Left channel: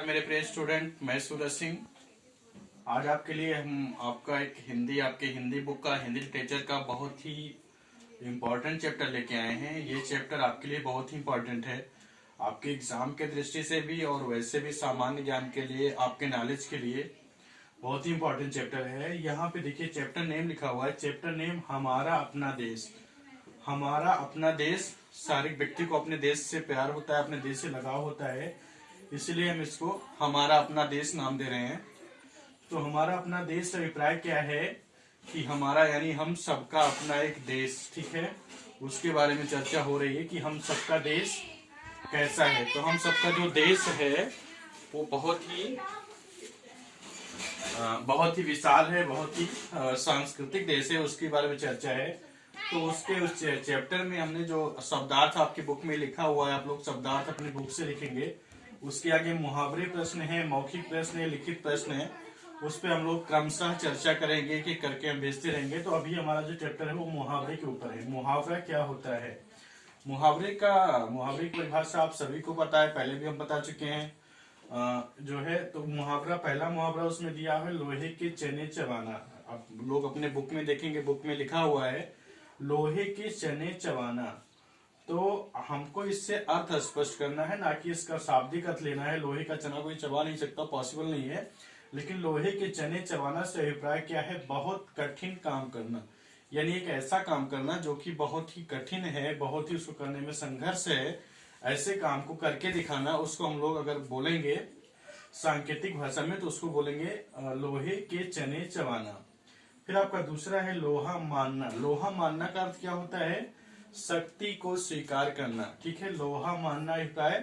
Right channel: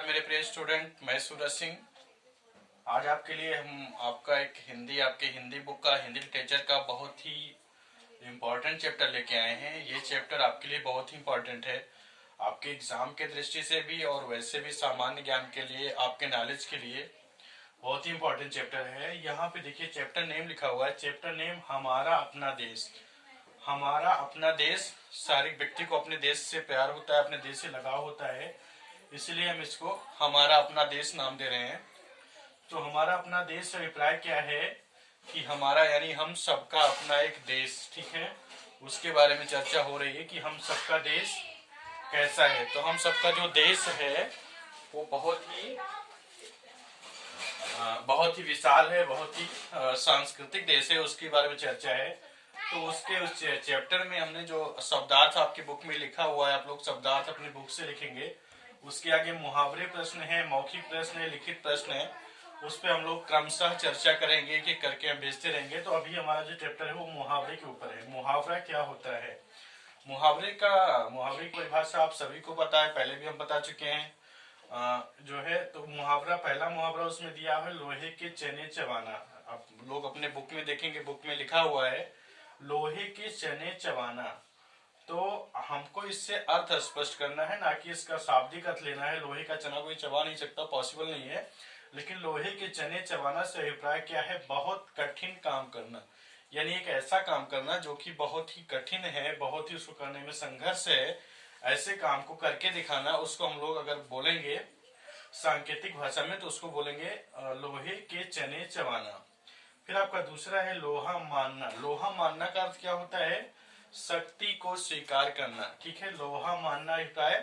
मेरे प्रिय स्टूडेंट, मैं सूरज सिंह। आज आपके लिए हम आपका एक आपके हिंदी बुक का, हिंदी लिटरेचर का बहुत ही इम्पोर्टेंट चैप्टर लेके आए हैं। ये चैप्टर आपके लिए बहुत ही इम्पोर्टेंट है, आपके एग्जाम के दृष्टि से भी और वैसे भी सामान्य ज्ञान के लिए, आपके नॉलेज के लिए बहुत ही इम्पोर्टेंट चैप्टर है। यहाँ पे देखिए चैप्टर नेम लिखा हुआ है, चैप्टर नेम हमारा अपना देश। हमारा अपना देश, सारे व्यक्ति को अपने देश से प्यार होता है, अपने देश से लगाव होता है, इसलिए हम इसको हमारा अपना देश नाम दे रहे हैं। तो हमारा अपना देश का अभिप्राय क्या है कि हमारा यानी हम सबका अपना एक देश, ठीक है, उसके बारे में चर्चा हो रही है कि हम सबका देश कैसा है। तो हम सबका जो देश है वो बहुत ही विशाल है, बहुत ही सांस्कृतिक देश है, उसके बारे में चर्चा है। तो उसके उस चैप्टर में हमने जो शब्दार्थ आपकी बुक में लिखा हुआ है, आप लोग शब्दार्थ अपनी बुक से लिखेंगे। उसके आगे मुहावरे प्रश्न है, मौखिक प्रश्न है, लिखित प्रश्न है, उस पर हम लोग क्रमशः चर्चा करेंगे कि करके हम भेजते रहेंगे। तो अभी हमारा जो चैप्टर है वो मुहावरे के ऊपर है। मुहावरा क्या होता है? मुहावरे की परिभाषा आप सभी को पता है, पहले भी हम बता चुके हैं। जो है तो मुहावरा, पहला मुहावरा उसमें दिया है लोहे के चने चबाना। आप लोग अपने बुक में देखेंगे, बुक में लिखा हुआ है लोहे के चने चबाना। तो हमको इससे अर्थ स्पष्ट करना है, ना कि इसका शाब्दिक अर्थ लेना है। लोहे का चना कोई चबा नहीं सकता, पॉसिबल नहीं है। लेकिन लोहे के चने चबाना से अभिप्राय क्या है? बहुत कठिन काम करना, यानी एक ऐसा काम करना जो कि बहुत ही कठिन है, बहुत ही उसको करने में संघर्ष है, ऐसे काम को करके दिखाना। उसको हम लोग अगर बोलेंगे सांकेतिक भाषा में तो उसको बोलेंगे लोहे के चने चबाना। फिर आपका दूसरा है लोहा मानना। लोहा मानना का अर्थ क्या होता है? शक्ति को स्वीकार करना, ठीक है। लोहा मानना अभिप्राय,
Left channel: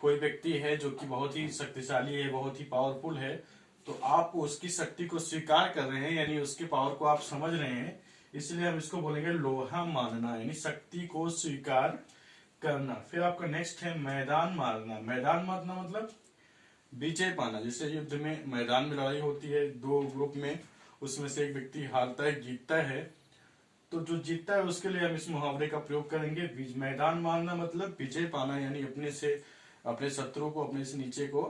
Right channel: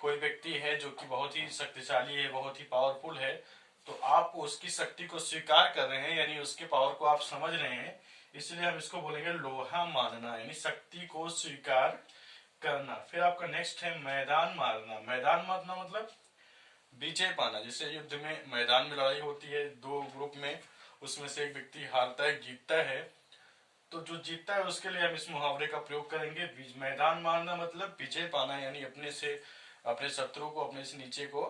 कोई व्यक्ति है जो कि बहुत ही शक्तिशाली है, बहुत ही पावरफुल है, तो आप उसकी शक्ति को स्वीकार कर रहे हैं, यानी उसके पावर को आप समझ रहे हैं, इसलिए हम इसको बोलेंगे लोहा मानना, यानी शक्ति को स्वीकार करना। फिर आपका नेक्स्ट है मैदान मारना। मैदान मारना मतलब विजय पाना। जैसे युद्ध में मैदान में लड़ाई होती है दो ग्रुप में, उसमें से एक व्यक्ति हारता है, जीतता है, तो जो जीतता है उसके लिए हम इस मुहावरे का प्रयोग करेंगे। मैदान मारना मतलब विजय पाना, यानी अपने शत्रु को, अपने से नीचे को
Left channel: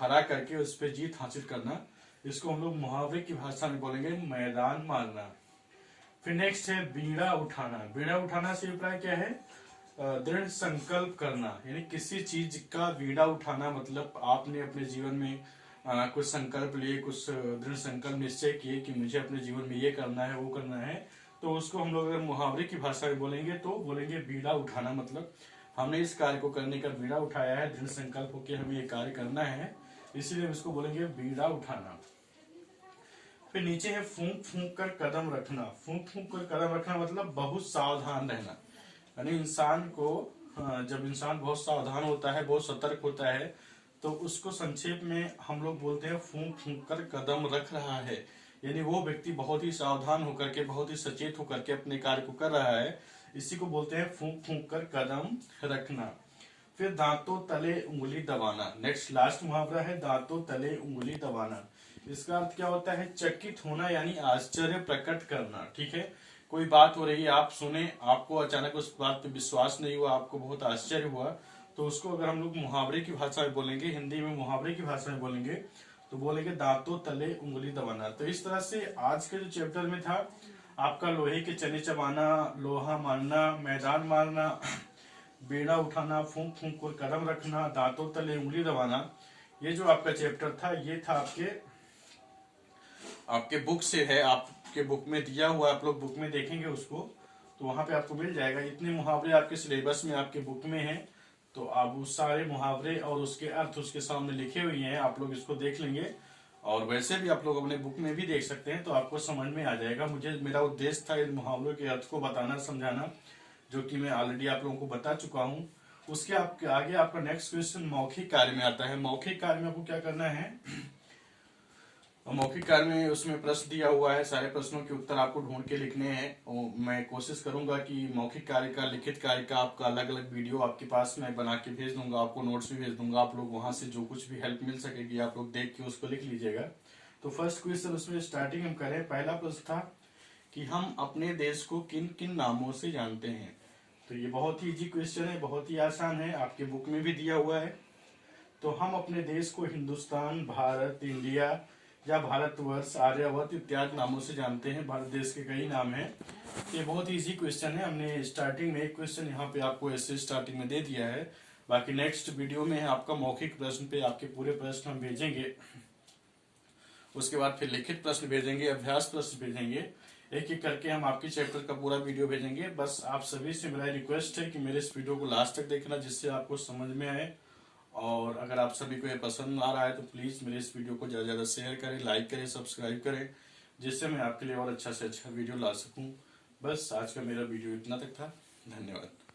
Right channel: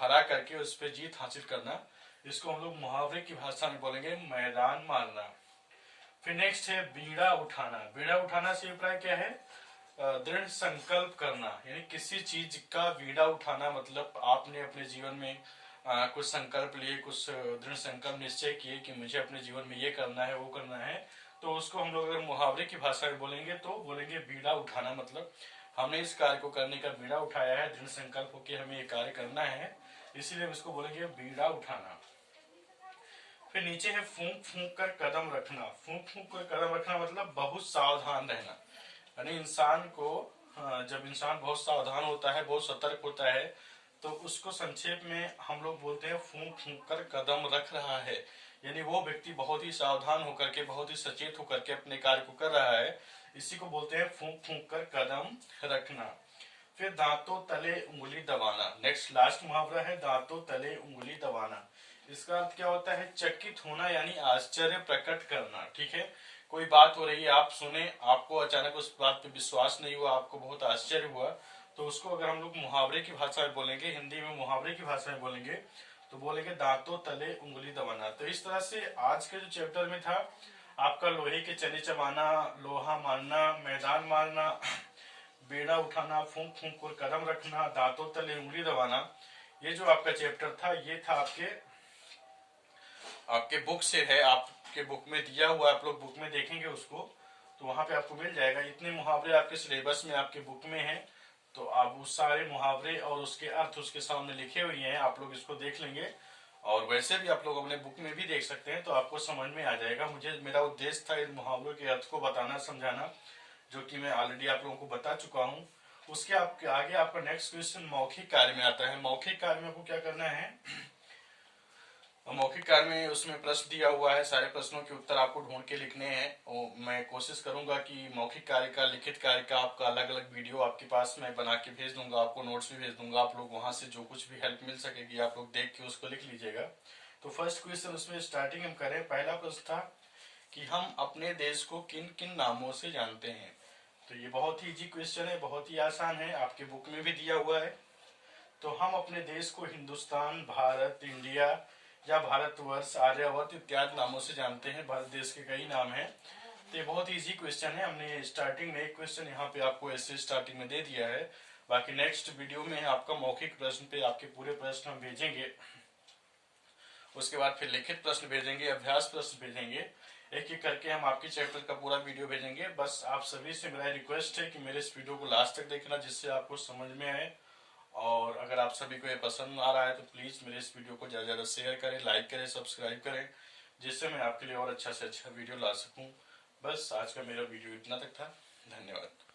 हरा करके उस पर जीत हासिल करना। इसको हम लोग मुहावरे की भाषा में बोलेंगे मैदान मारना। फिर नेक्स्ट है बीड़ा उठाना। बीड़ा उठाना से अभिप्राय क्या है? दृढ़ संकल्प करना, यानी किसी चीज का बीड़ा उठाना मतलब आपने अपने जीवन में कुछ संकल्प लिए, कुछ दृढ़ संकल्प निश्चय किए कि मुझे अपने जीवन में ये करना है, वो करना है। तो उसको हम लोग अगर मुहावरे की भाषा में बोलेंगे तो बोलेंगे बीड़ा उठाना, मतलब हमने इस कार्य को करने का बीड़ा उठाया है, दृढ़ संकल्प होकर हमें ये कार्य करना है, इसलिए हम इसको बोलेंगे बीड़ा उठाना। फिर नीचे है फूंक फूंक कर कदम रखना। फूंक फूंक कर कदम रखना मतलब बहुत सावधान रहना, यानी इंसान को जब इंसान बहुत सावधान होता है, बहुत सतर्क होता है, तो उसको संक्षेप में हम लोग बोलते हैं फूंक फूंक कर कदम रख रहा है, यानी वो व्यक्ति बहुत ही सावधान होकर के, बहुत ही सचेत होकर के अपने कार्य को कर रहा है। इसी को बोलते हैं फूंक फूंक कर कदम रखना। फिर दांतों तले उंगली दबाना। नेक्स्ट लास्ट मुहावरा है दांतों तले उंगली दबाना। इसका अर्थ क्या होता है? चकित होना, यानी आश्चर्य प्रकट करना, ठीक है। कोई बात हो रही है, आप सुने, आपको अचानक उस बात पे विश्वास नहीं हुआ, आपको बहुत आश्चर्य हुआ, तो उसको अगर हम लोग मुहावरे की भाषा में बोलेंगे, हिंदी में मुहावरे की भाषा में बोलेंगे, तो बोलेंगे दांतों तले उंगली दबाना। तो इस तरह से आज के जो चैप्टर में था आपका लोहे के चने चबाना, लोहा मारना, मैदान मारना, बेड़ा उठाना, फूंक फूंक कर कदम रखना, दांतों तले उंगली दबाना, ये जो आपका चैप्टर था ये था आपके बुक से है, आपके बुक में दिया हुआ, आप लोग बुक में देखेंगे उसको तो वहां पे आपको मिल जाएगा। इतने मुहावरे आपके सिलेबस में, आपके बुक में हैं, तो आप उस सारे मुहावरे और उसके अर्थ उसके सामने लिखे हुए हैं, आप लोग इसको देख लेंगे। और वैसे भी आप लोग अपने बुक में भी देख सकते हैं, तो आपको समझ में आ जाएगा। मेरा उद्देश्य था इन मुहावरों के अर्थ को बताना, समझाना, जो कि मैं ऑलरेडी आप लोगों को बता चुका हूँ। उसके आगे आपका नेक्स्ट क्वेश्चन मौखिक कार्य में आता है। मौखिक कार्य में आपको क्या करना है? मौखिक कार्य में उसमें प्रश्न दिया हुआ है, सारे प्रश्नों के उत्तर आपको ढूंढ के लिखने हैं। और मैं कोशिश करूंगा कि मौखिक कार्य का, लिखित कार्य का आपका अलग अलग वीडियो आपके पास मैं बना के भेज दूंगा, आपको नोट्स भी भेज दूंगा। आप लोग वहां से जो कुछ भी हेल्प मिल सकेगी आप लोग देख के उसको लिख लीजिएगा। तो फर्स्ट क्वेश्चन उसमें स्टार्टिंग हम करें। पहला प्रश्न था कि हम अपने देश को किन किन नामों से जानते हैं। तो ये बहुत ही इजी क्वेश्चन है, बहुत ही आसान है, आपके बुक में भी दिया हुआ है। तो हम अपने देश को हिंदुस्तान, भारत, इंडिया या भारतवर्ष, आर्यावर्त इत्यादि नामों से जानते हैं। भारत देश के कई नाम हैं। ये बहुत इजी क्वेश्चन है। हमने स्टार्टिंग में एक क्वेश्चन यहाँ पे आपको ऐसे स्टार्टिंग में दे दिया है। बाकी नेक्स्ट वीडियो में आपका मौखिक प्रश्न पे आपके पूरे प्रश्न हम भेजेंगे। उसके बाद फिर लिखित प्रश्न भेजेंगे, अभ्यास प्रश्न भेजेंगे। एक एक करके हम आपके चैप्टर का पूरा वीडियो भेजेंगे। बस आप सभी से मेरा रिक्वेस्ट है कि मेरे इस वीडियो को लास्ट तक देखना, जिससे आपको समझ में आए। और अगर आप सभी को ये पसंद आ रहा है तो प्लीज मेरे इस वीडियो को ज्यादा से ज्यादा शेयर करें, लाइक करें, सब्सक्राइब करें, जिससे मैं आपके लिए और अच्छा से अच्छा वीडियो ला सकूं। बस आज का मेरा वीडियो इतना तक था। धन्यवाद।